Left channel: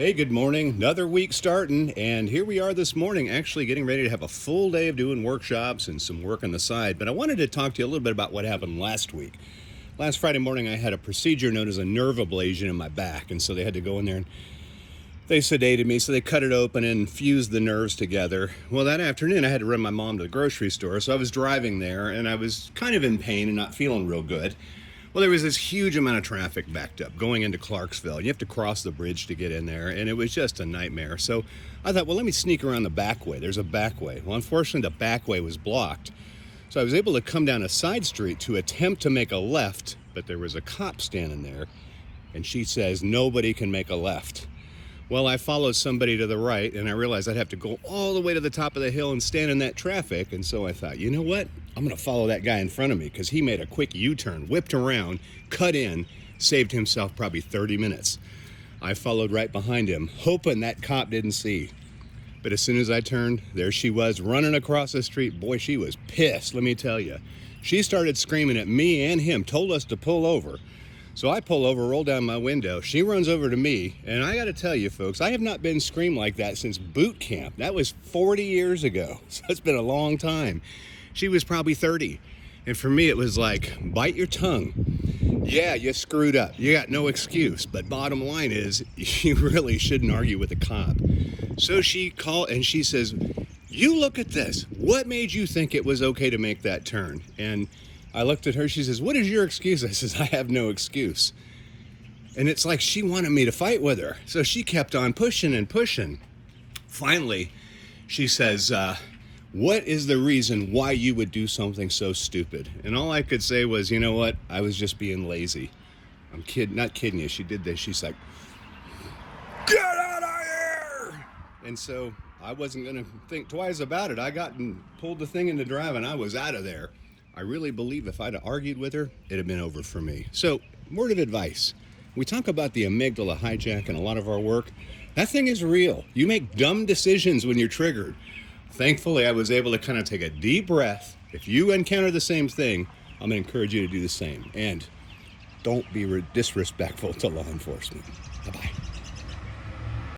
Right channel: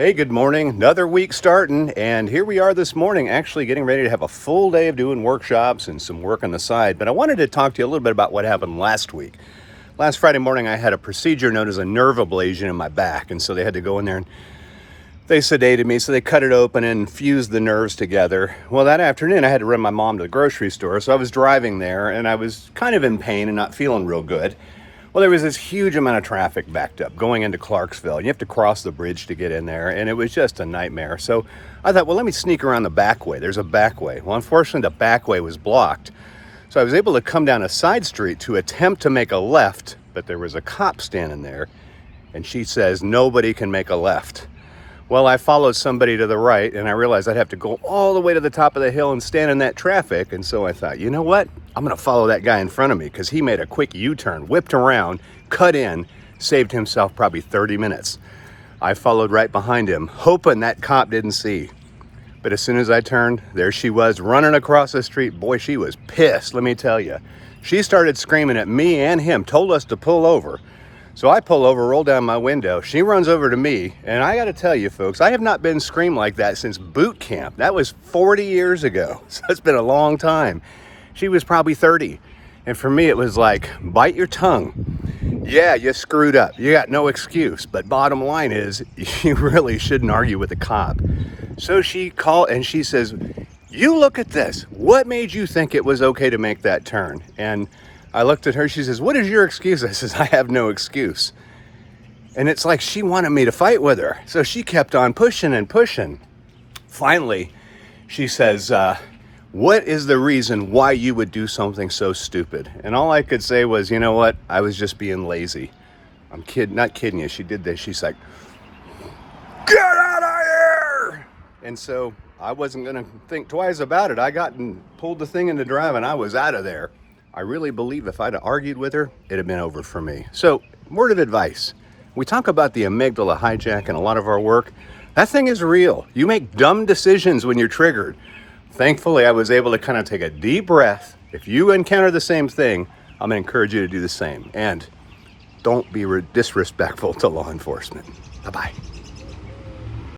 Hey, good morning. Another week starting, and here we are this morning, actually getting ready to have a full day of doing workshops and some work on the side. But I wanted to talk to you a little bit about what happened last week. Last Friday morning, I had a procedure known as a nerve ablation in my back, and so they had to go in there and they sedated me, so they cut it open and fused the nerves together. Well, that afternoon, I had to run my mom to the grocery store, so I was driving there, and I was kind of in pain and not feeling real good. Well, there was this huge amount of traffic backed up going into Clarksville. You have to cross the bridge to get in there, and it was just a nightmare. So I thought, well, let me sneak around the back way. There's a back way. Well, unfortunately, the back way was blocked. So I was able to come down a side street to attempt to make a left, but there was a cop standing there, and she says, nobody can make a left. Well, I followed somebody to the right, and I realized I'd have to go all the way to the top of the hill and stand in that traffic. And so I thought, you know what? I'm going to follow that guy in front of me, because he made a quick U-turn, whipped around, cut in, saved himself probably 30 minutes. I followed right behind him, hoping that cop didn't see. But as soon as I turned, there she was running across the street. Boy, she was pissed, let me tell you. She started screaming at me and him, told us to pull over. So I pull over, roll down my window. She runs over to me, and I got to tell you, folks, I have not been screamed like that since boot camp. That was 40 years ago, so it's been a long time. She was probably 30, and for me, it was like, bite your tongue. Yeah, you screwed up. You got no excuse, but bottom line is, you really shouldn't argue with a cop. So she called, and she says, you look at this. What made you think it was okay to make that turn? And I looked at her, she says, what is your excuse? I says, I have no excuse. And it's like she wanted me to fight with her. So she kept on pushing and pushing. Finally, she says, what is the reason why you would do something so stupid? And all I could say was, you know what? I was just being lazy. I'm not kidding you. She did this. She's like, get out of here! And so I wasn't going to think twice about it. I got and pulled the thing into drive, and I was out of there. I really believe if I'd have argued with her, it'd have been over for me. So, word of advice. We talk about the amygdala hijack in a lot of our work. That thing is real. You make dumb decisions when you're triggered. Thankfully, I was able to kind of take a deep breath. If you encounter the same thing, I'm going to encourage you to do the same. And don't be disrespectful to law enforcement. Bye-bye.